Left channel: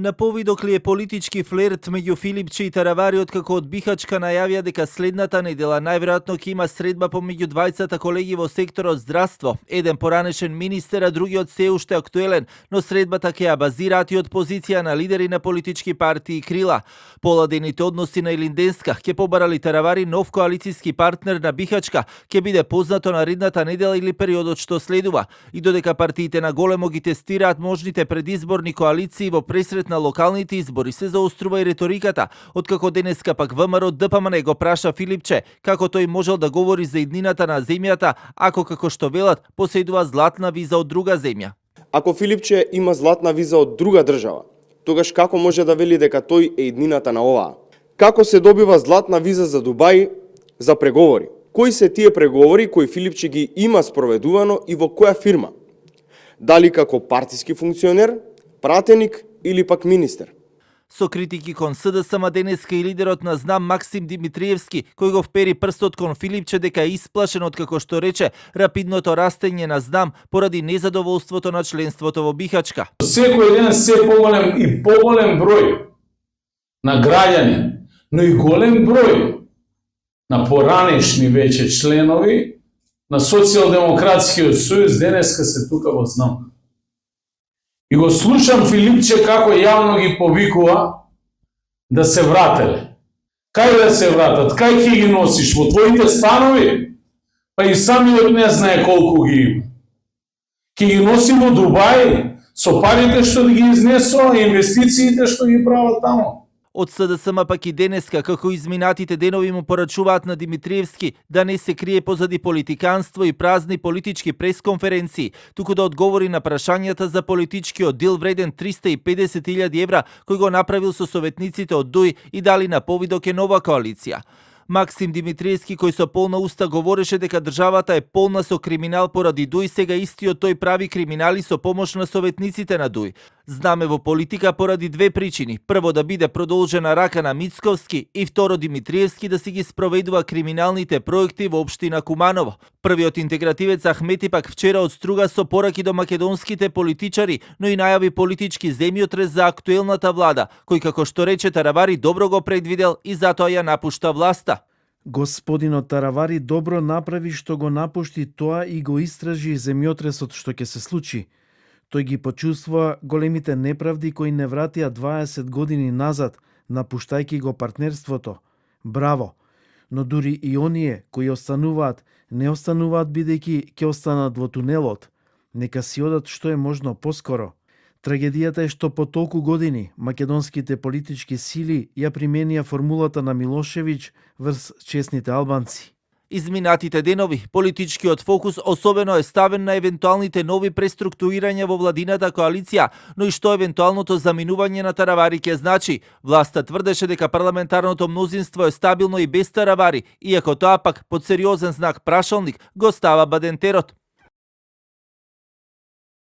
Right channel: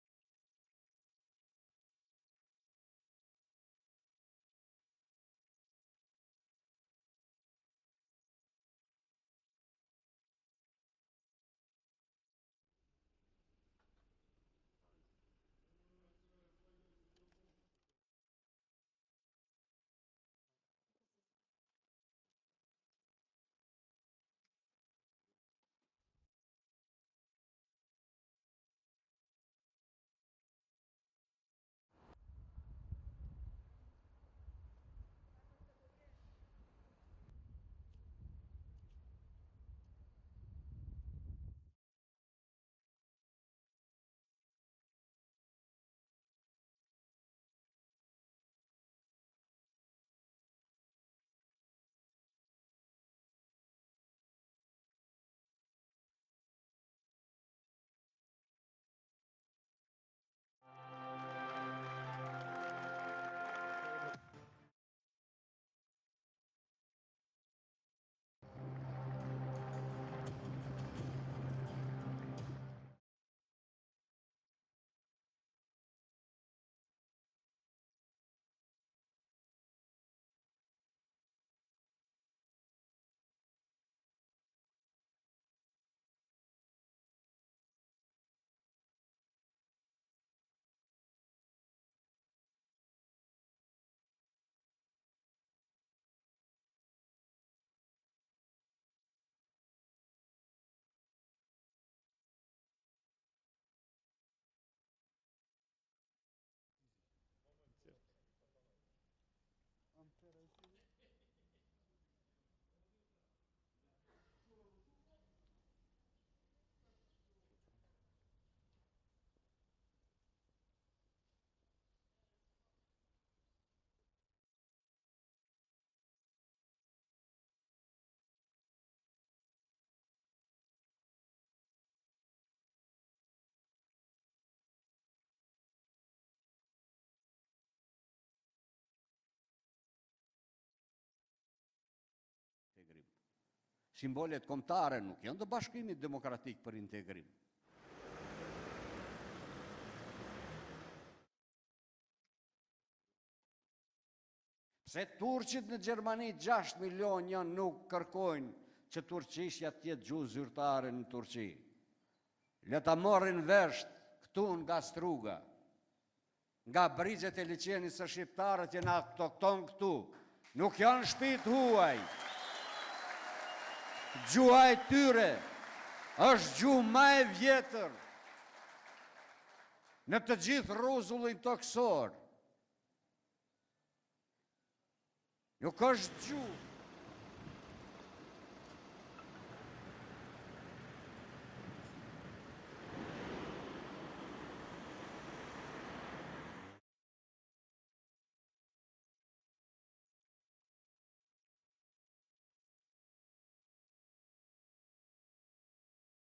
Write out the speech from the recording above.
На повидок ли е политички флерт меѓу Филипче и Таравари откако од Бихачка најавија дека следната недела најверојатно ќе има средба помеѓу двајцата колеги во секторот здравство. Еден поранешен министер, а другиот се уште актуелен, но средбата ќе ја базираат и од позиција на лидери на политички партии и крила. Поладените односи на Илинденска ќе побарали Таравари нов коалицијски партнер на Бихачка, ќе биде познато наредната недела или периодот што следува. И додека партиите на големо ги тестираат можните предизборни коалиции во пресрет на локалните избори, се заострува и риториката, откако денеска пак ВМРО ДПМН го праша Филипче како тој можел да говори за иднината на земјата, ако како што велат поседува златна виза од друга земја. Ако Филипче има златна виза од друга држава, тогаш како може да вели дека тој е иднината на оваа? Како се добива златна виза за Дубај за преговори? Кои се тие преговори кои Филипче ги има спроведувано и во која фирма? Дали како партиски функционер, пратеник или пак министер? Со критики кон СДСМ денеска и лидерот на ЗНАМ Максим Димитриевски, кој го впери прстот кон Филипче дека е исплашен од, како што рече, рапидното растење на ЗНАМ поради незадоволството на членството во Бихачка. Секој ден се поголем и поголем број на граѓани, но и голем број на поранешни веќе членови на Социјалдемократскиот сојуз денеска се тука во ЗНАМ. И го слушам Филипче како јавно ги повикува да се врателе. Кај да се вратат? Кај ќе ги носиш? Во твоите станови? Па и самиот не знае колку ги има. Ќе ги носи во Дубај со парите што ги изнесува и инвестициите што ги прават таму. Од СДСМ пак и денеска, како изминатите денови му порачуваат на Димитриевски да не се крие позади политиканство и празни политички пресконференции, туку да одговори на прашањата за политичкиот дил вреден 350.000 евра кој го направил со советниците од ДУИ и дали на повидок е нова коалиција. Максим Димитриевски, кој со полна уста говореше дека државата е полна со криминал поради ДУИ, сега истиот тој прави криминали со помош на советниците на ДУИ. Знаме во политика поради две причини. Прво, да биде продолжена рака на Мицковски и второ, Димитриевски да си ги спроведува криминалните проекти во општина Куманово. Првиот интегративец Ахмети пак вчера отструга со пораки до македонските политичари, но и најави политички земјотрес за актуелната влада, кој како што рече Таравари добро го предвидел и затоа ја напушта власта. Господинот Таравари добро направи што го напушти тоа и го истражи земјотресот што ќе се случи. Тој ги почувствува големите неправди кои не вратија 20 години назад, напуштајќи го партнерството. Браво! Но дури и оние кои остануваат, не остануваат бидејќи ќе останат во тунелот. Нека си одат што е можно поскоро. Трагедијата е што по толку години македонските политички сили ја применија формулата на Милошевиќ врз честните албанци. Изминатите денови политичкиот фокус особено е ставен на евентуалните нови преструктурирања во владината коалиција, но и што евентуалното заминување на Таравари ќе значи. Власта тврдеше дека парламентарното мнозинство е стабилно и без Таравари, иако тоа пак под сериозен знак прашалник го става Бадентерот.